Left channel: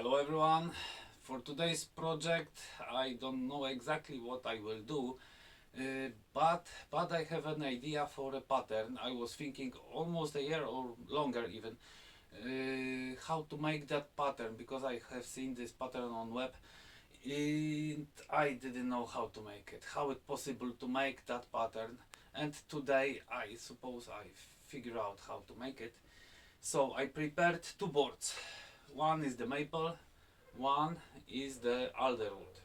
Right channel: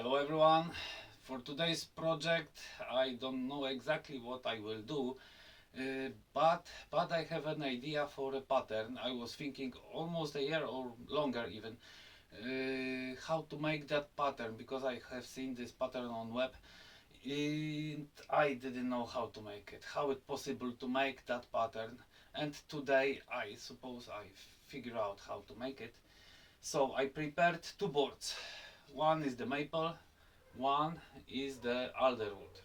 Hello everyone. For today's project I don't know exactly what I will do, but I have an idea for a pattern. I was thinking almost a year or longer even how to make that pattern, because I have seen this pattern on web and I didn't know how to make it, how it possible to make that pattern. And today I suppose I figure out how to make it. So I prepared two boards. One is the maple, one is the alder wood.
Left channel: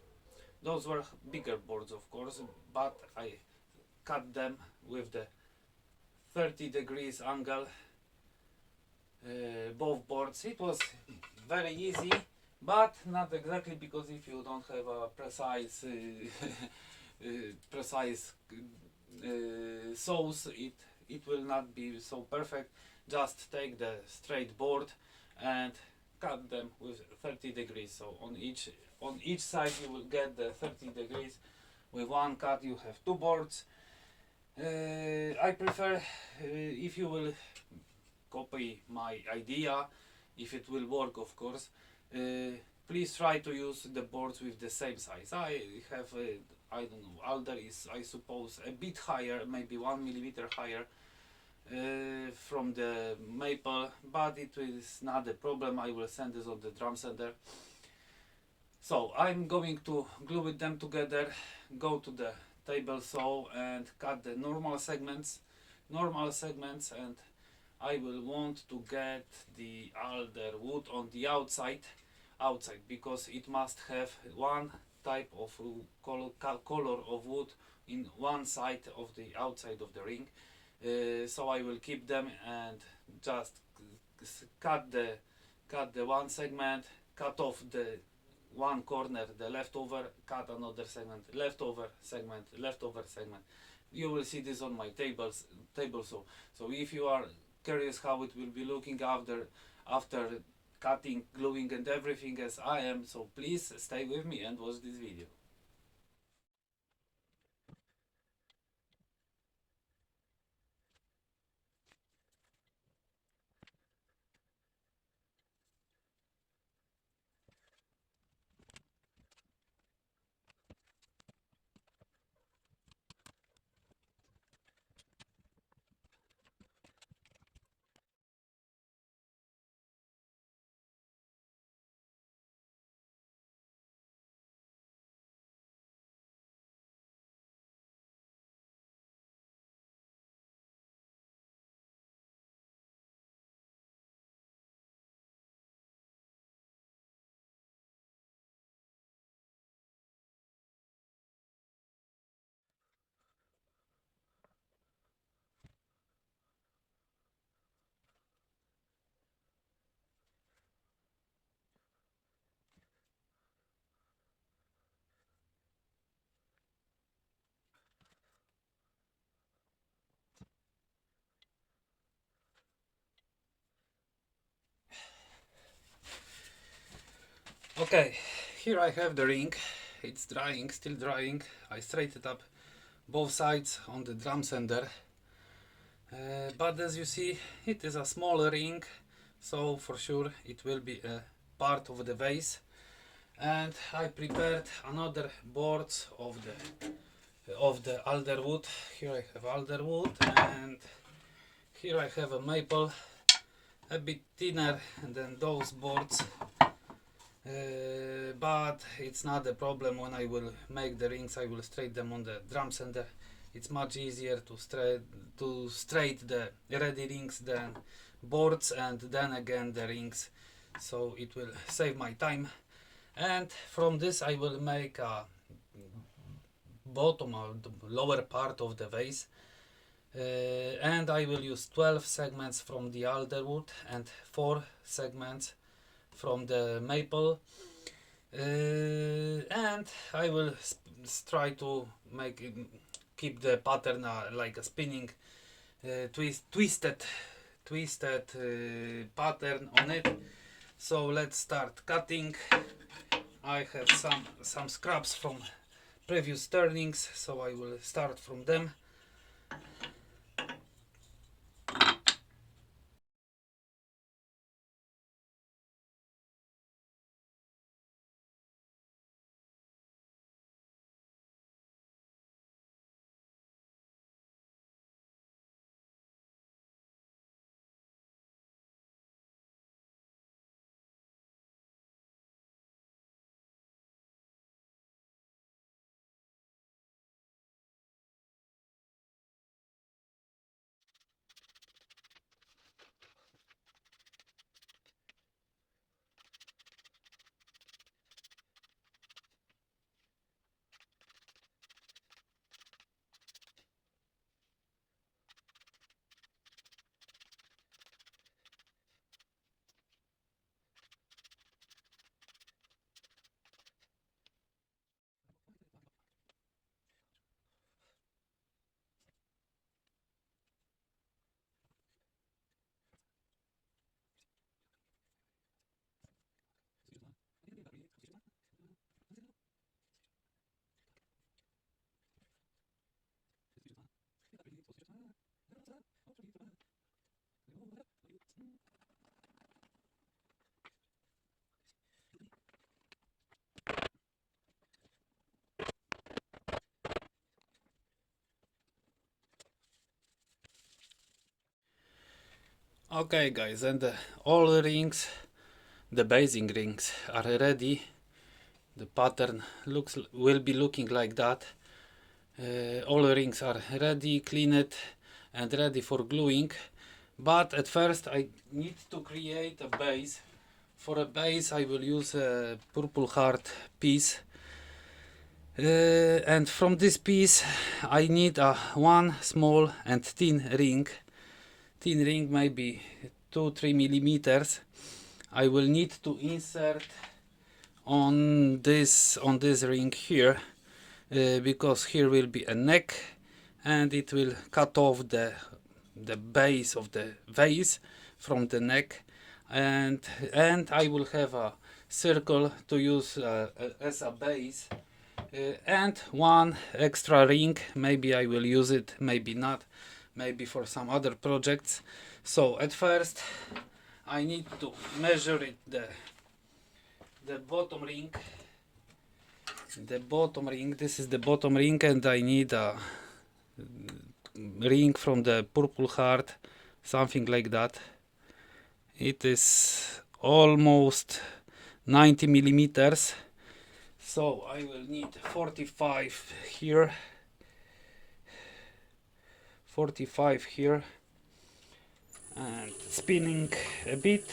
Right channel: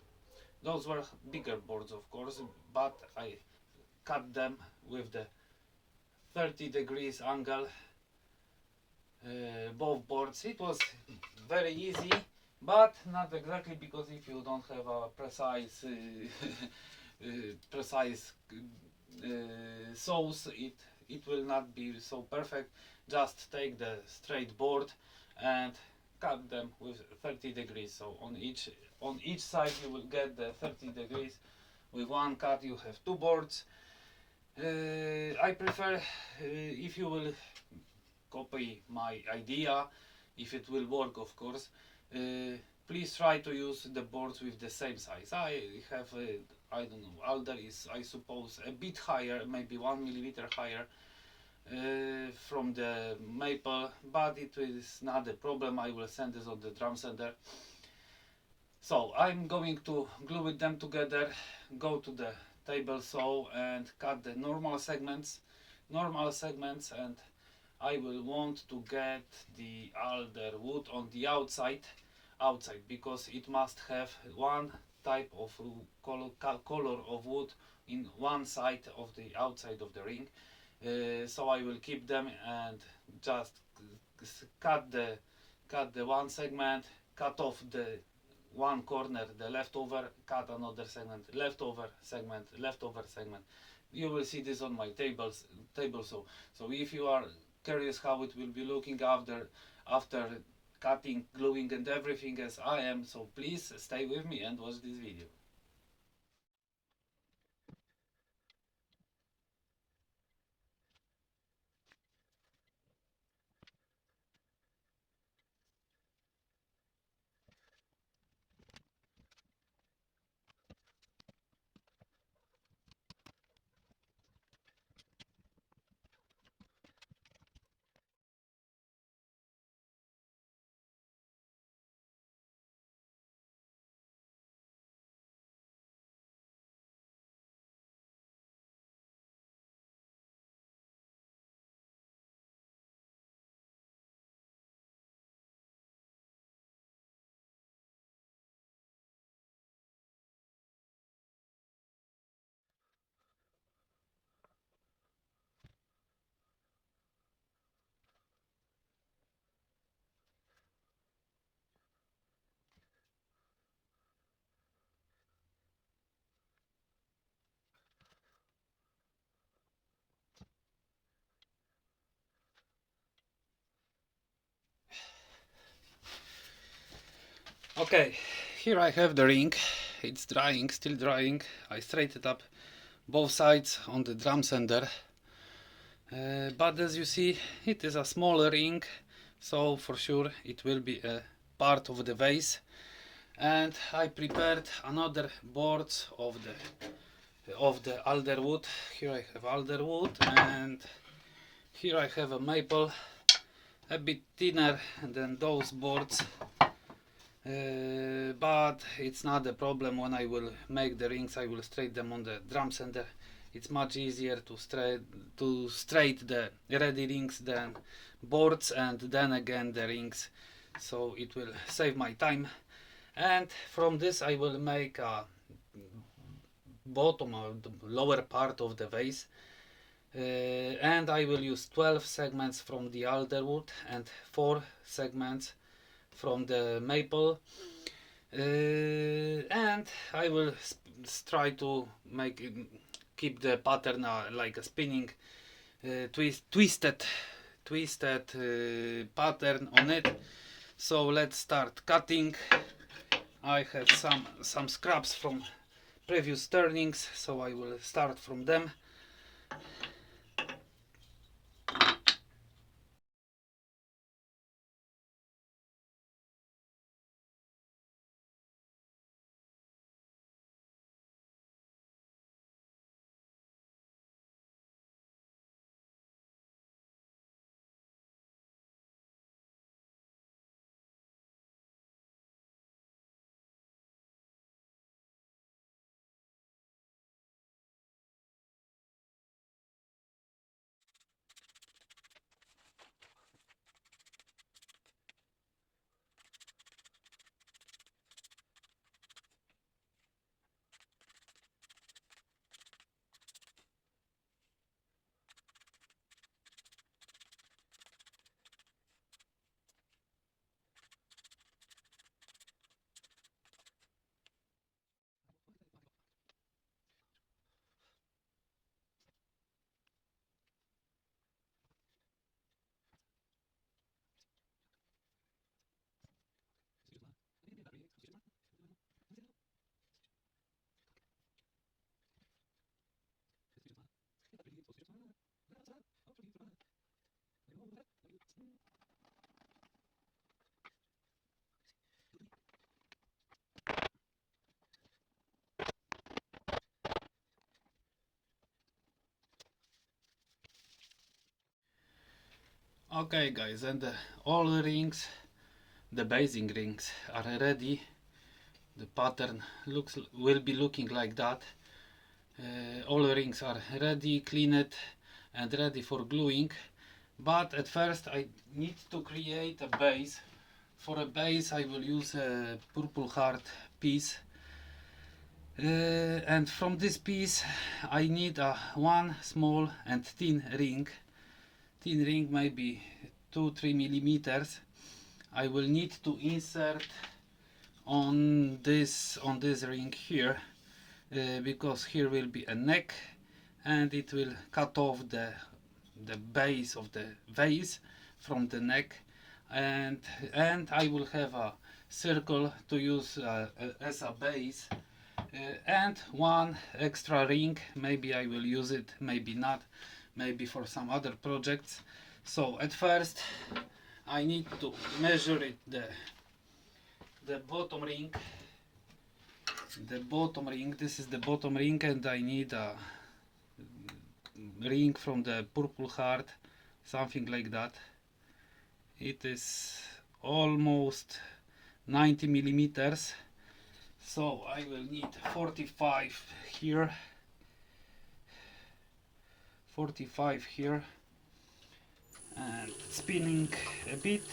Those were bigger boards, of course, but I cut them with the 30 degrees angle, both boards. It was very easy, but not exactly, because if you don't have a precise precise saws, it will not be so perfect. Just take the straight board and cut them with 30 degrees. So on each side you will get the 30 degrees. With one cut you have two boards. I prefer, if you will copy my idea, if it will work, of course, please try to use the boards with the same size. I have I don't know, alder is, I suppose, a bit higher, maybe 1 millimeter higher from the maple, but it is not a problem. I will send this on the drum sander. So I'm going to glue them together, go to the table saw and cut the normal segments, and I will want to get the alder wood on the outside, because it must have one type of color of wood in one side of the outside of the ring. So I will keep them and just cut the one segment, cut off the one corner, the leftover, cut another segment, leftover segment, leftover segment. You will see this on my table saw. So if you are curious how it will be looking after cutting, gluing and everything as I am, so please stay with me and watch this video. Okay, here I have the ring. It's drying, still drying. I straightened up both sides on the drum sander. But as you see, it is a small ring, so for sure it will be a part of the vase. And I prepared another boards of the alder wood. Here I have alder wood, and here I have a maple, a bit thinner than those boards. But it's not a problem. When I will make the rings, I will straight them on the drum sander. It's much easier to straight the ready rings than boards and then again the rings, so it will save my time. And from this I will make a bottom or the lower part of the vase, and I will use 12 segments from the alder wood and 4 segments from the maple, and I will try to keep the pattern like a spinning twisted pattern on it. So let's start cutting. I have some scraps from previous turnings, so I will start from them. Okay guys, and all the rings, the basing rings are ready. The pattern will be looking like that. All the rings are ready, cleaned and ready for gluing. But at first I need to create a base. For a base I will use a purple heart piece. And from this piece I need a one small and thin ring. Thin ring maybe 2-3 millimeters. I will need to insert on this ring here, because here will be a neck and it will cut off the base of the vase from the neck, and I will have a circle to use as a base, and one extra ring. Maybe I will use it, maybe not, maybe for some other projects. So at first I need to measure it, the bottom ring. This is the bottom ring, and I need a ring from the purple heart, something like that. It is almost 90 millimeters, so I will need 45 here, 45 here, and spinning a bit.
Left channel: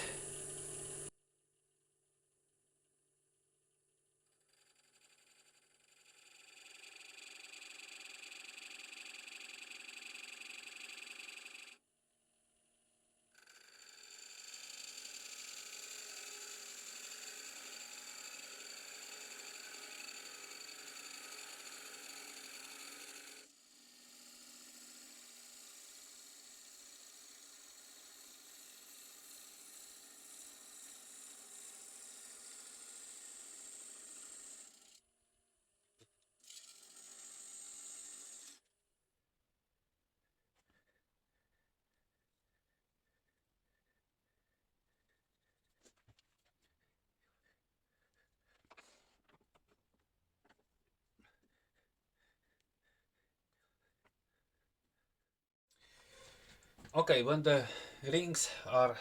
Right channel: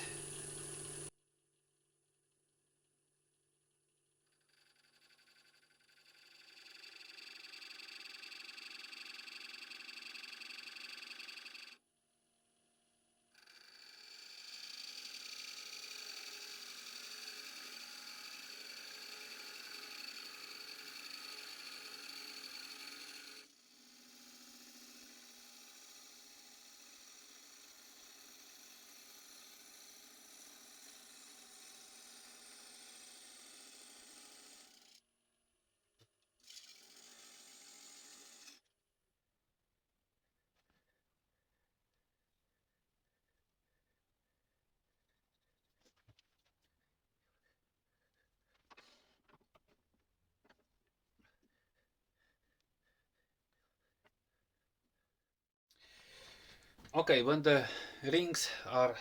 Okay, when the rings are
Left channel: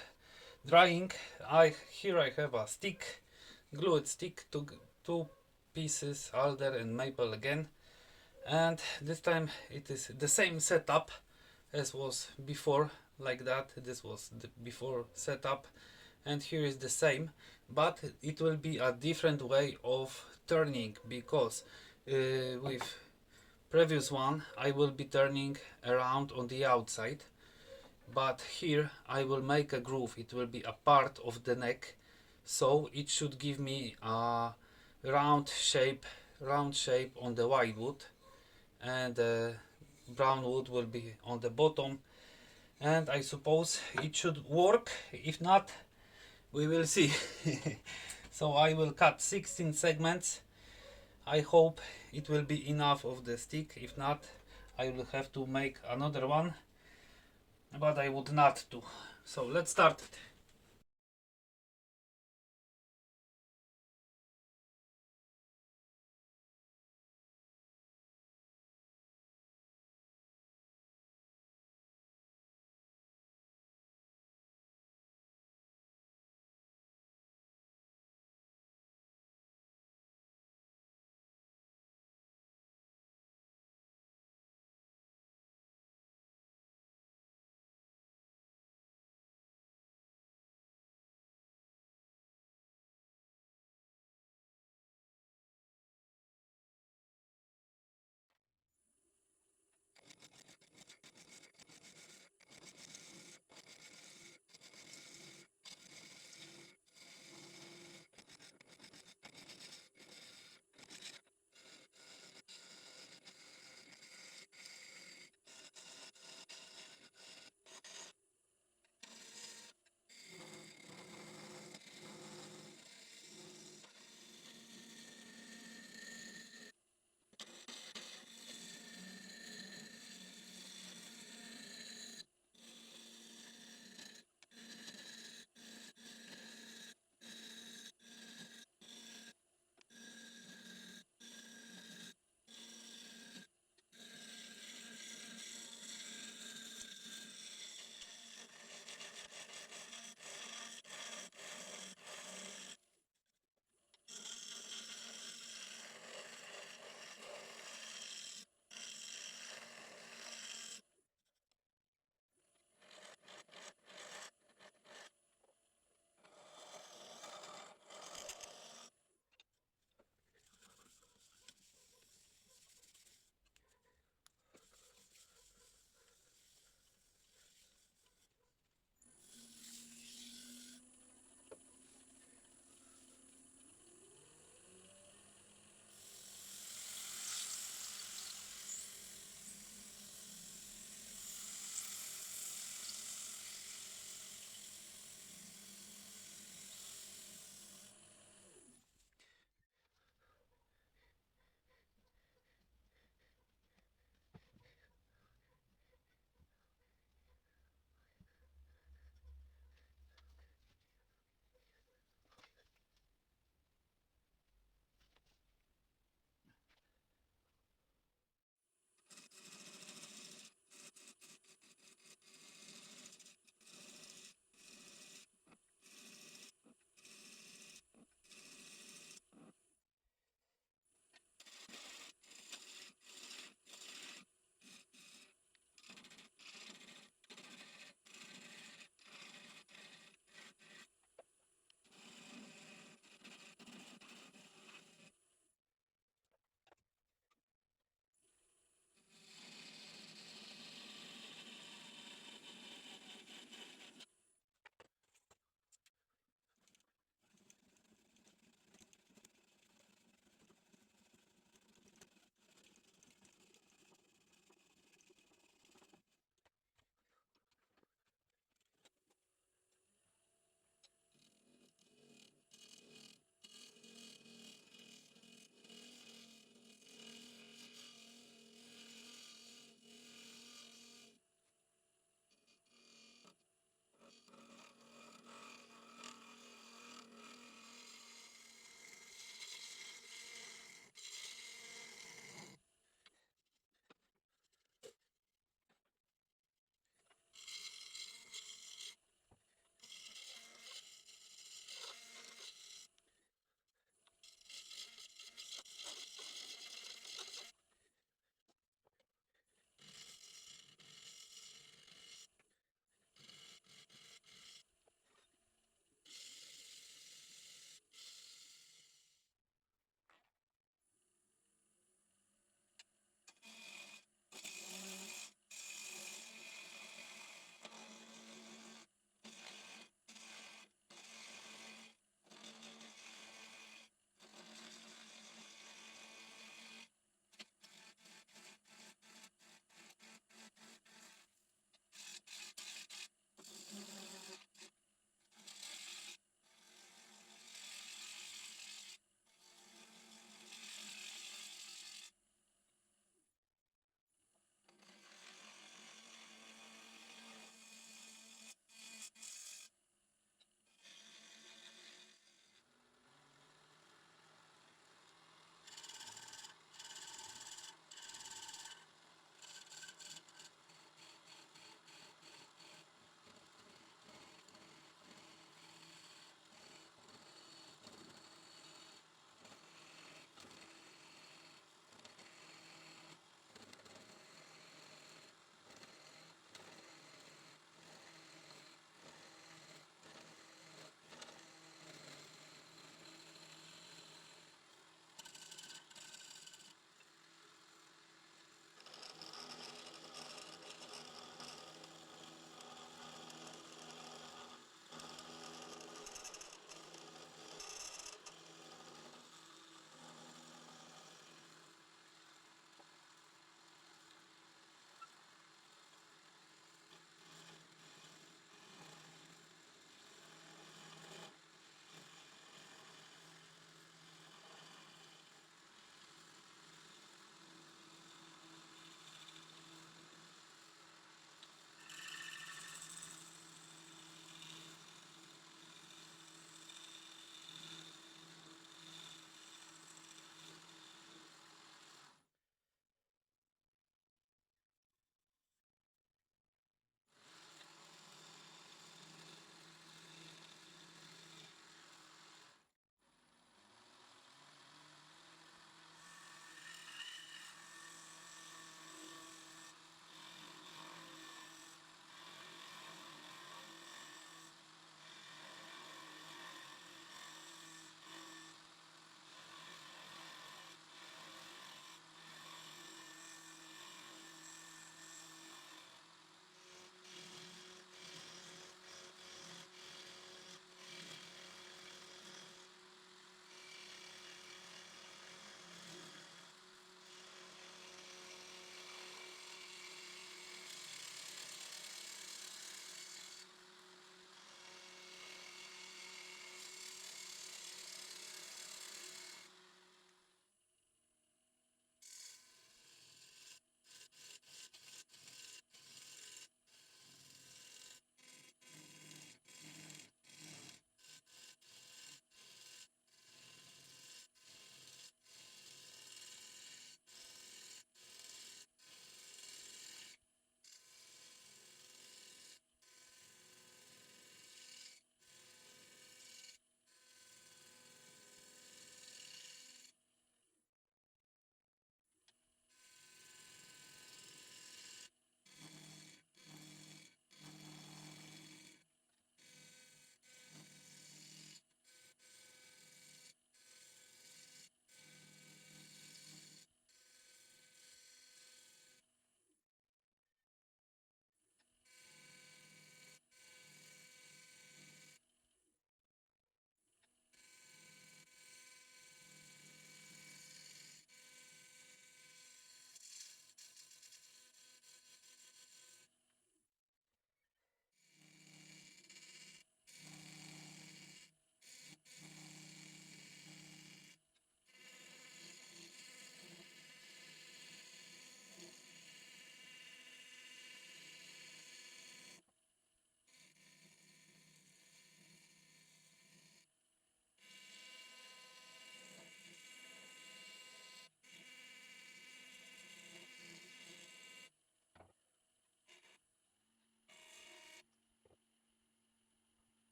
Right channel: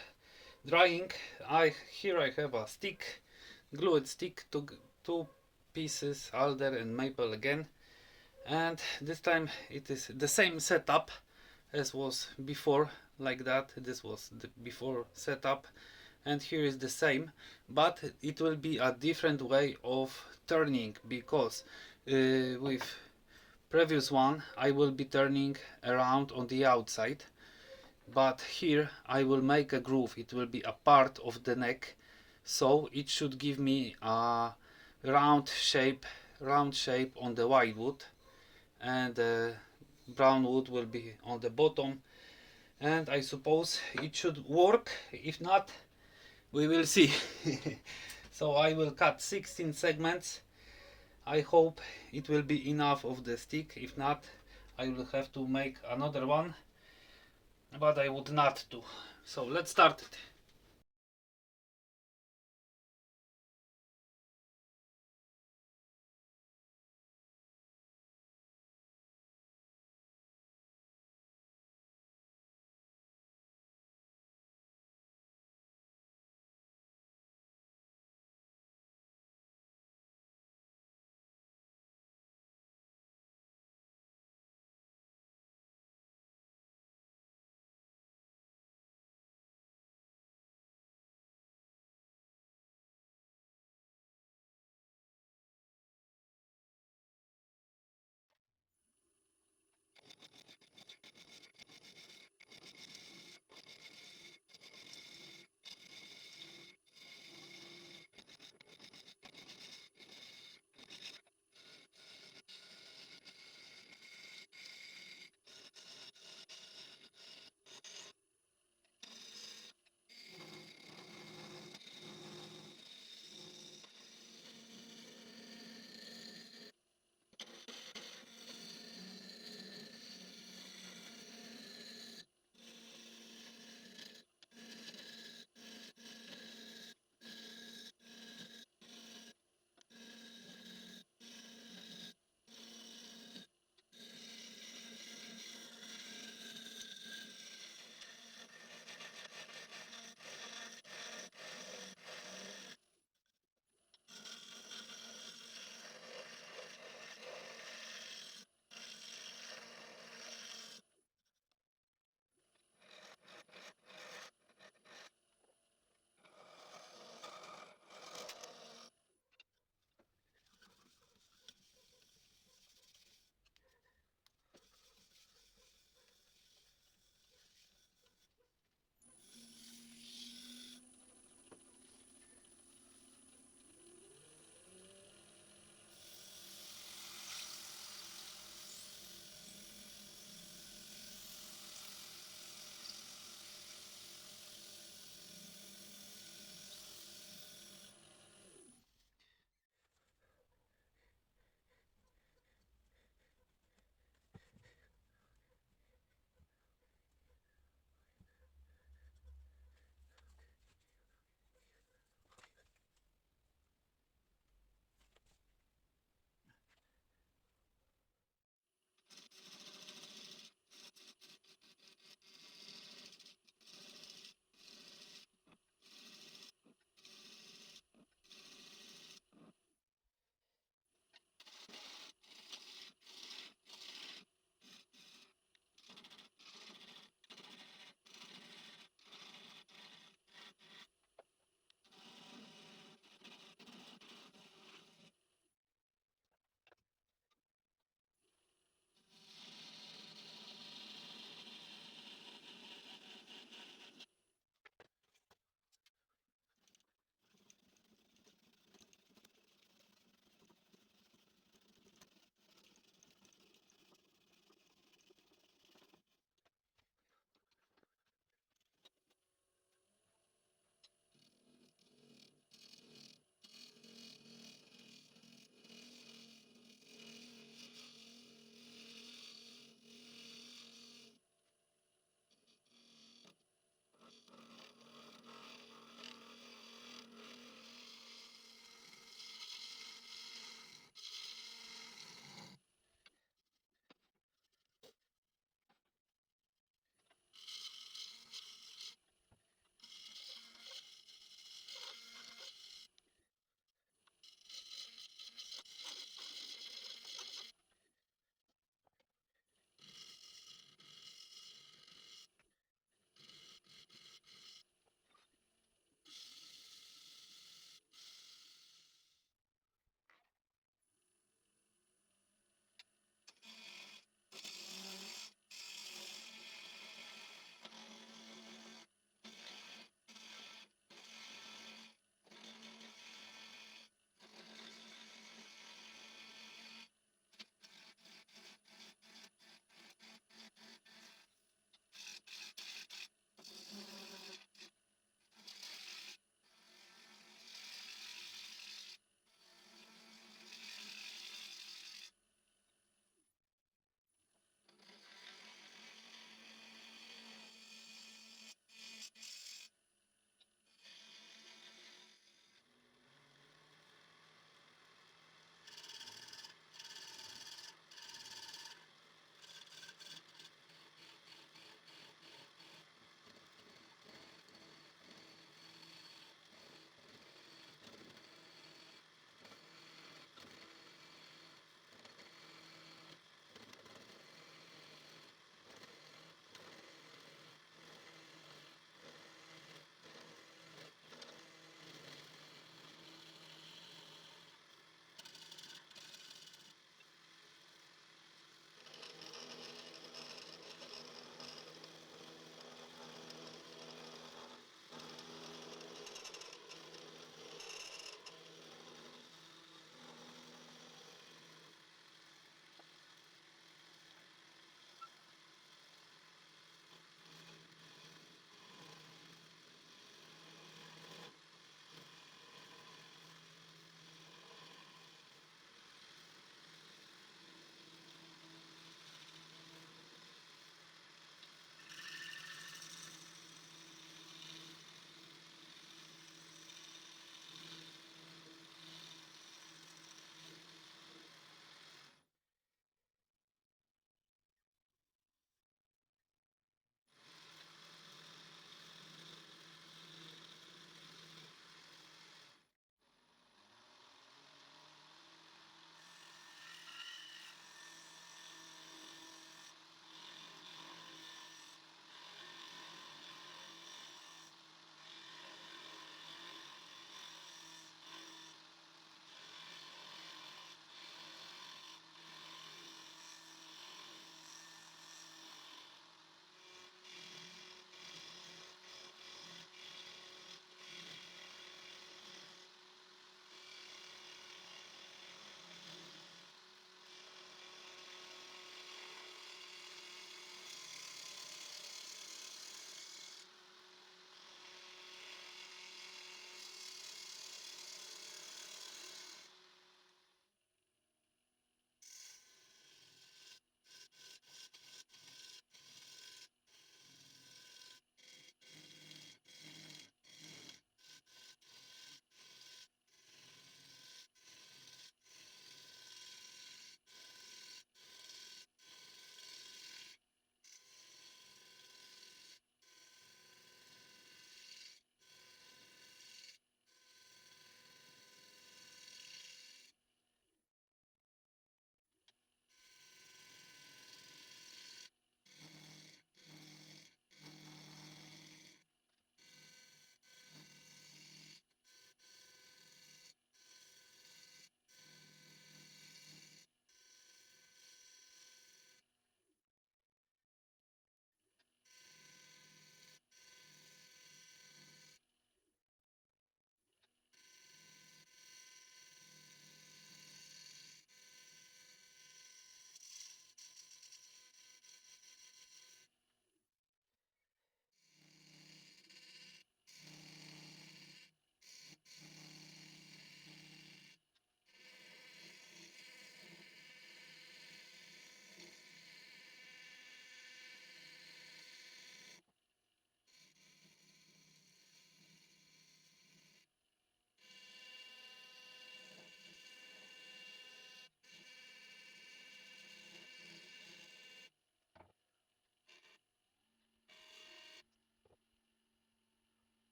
drying, I have a stick, glued stick, to two pieces, alder and maple again, and this time it is the same setup as was before, like that. This was the before setup, and here is the same, but it will be a different way of turning, because with previous one I will be turning around on the outside, but here I will make a groove. It will be a part of the neck, so it should give me a round shape on the white wood, and brown wood will be on the bottom, and I suppose it should work. If not, we will see. So I will cut 16 segments. I hope it will be enough of the stick. If not, I will have to make another one, but I would not do. So let's start it.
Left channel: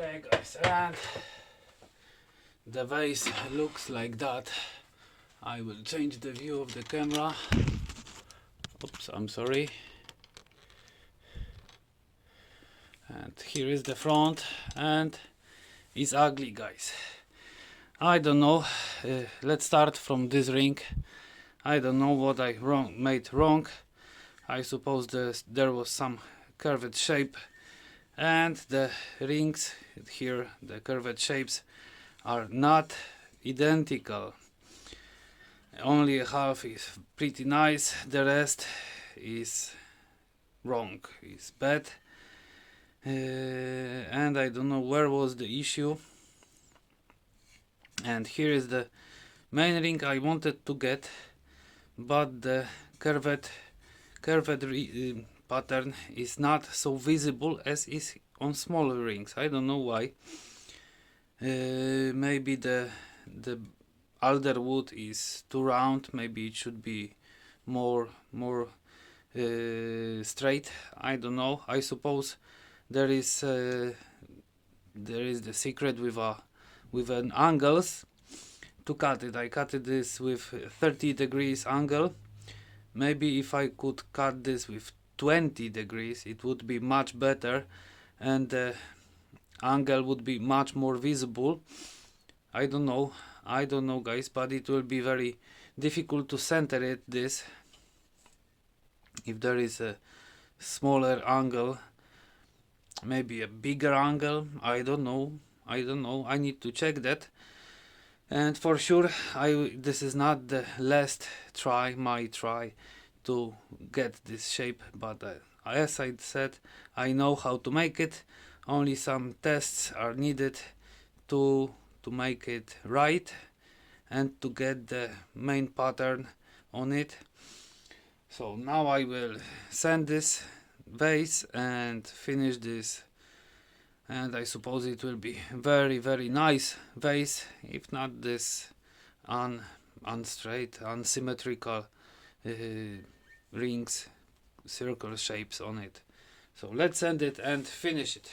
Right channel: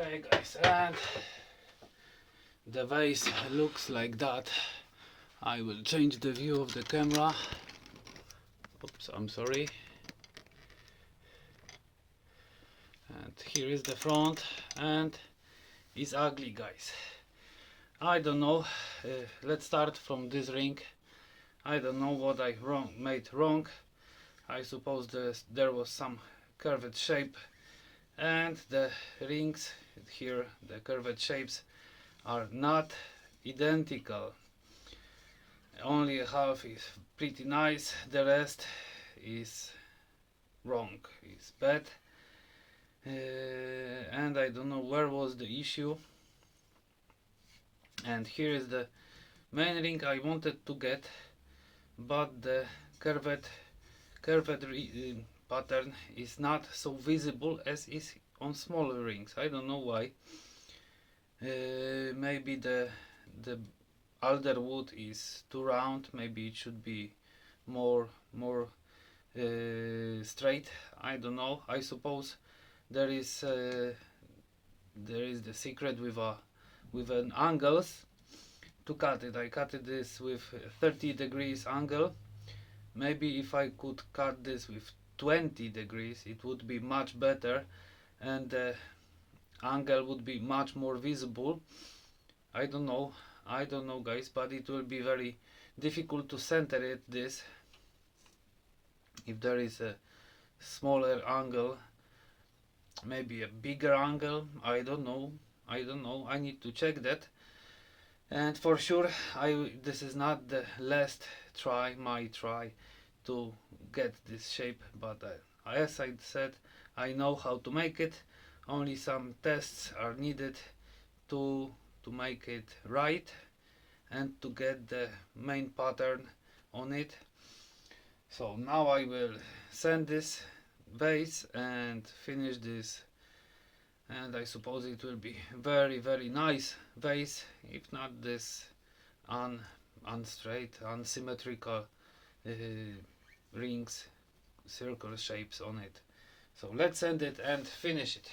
Okay guys, and the vase looks like that. I will change the view of the camera. Oops, I'm sorry. And here is the front, and it's ugly guys. I don't know, let's start from this ring. I don't know what I made wrong. I suppose there was some curved shape, and the rings here, the curved shapes, are not identical. Only half is pretty nice, the rest is wrong, is bad. And I don't know where was the issue. And here is the main ring I wanted to get, but the curved pattern is not so visible as is on smaller rings. I don't know why. Maybe the alder wood is too round. Maybe it should be more straight. I don't know. I suppose there is the secret with an angles to cut it. I cut this with 30 degrees angle. Maybe if I could cut this with 20 degrees, it would be much better, and the angle would be much more visible. I don't know guys, but it will be very difficult to center it this if there is a smaller angle. Maybe a bigger angle. I don't know. I need to check that. And for sure, this is not the last my try to get this shape, but as I said, I know how to make it. Only some tests are needed to make it right and to get the main pattern on it. So now I will sand this vase and finish this, and I suppose it will be very nice vase, if not this unstraight, unsymmetrical rings, circle shapes on it. So let's sand it and finish it.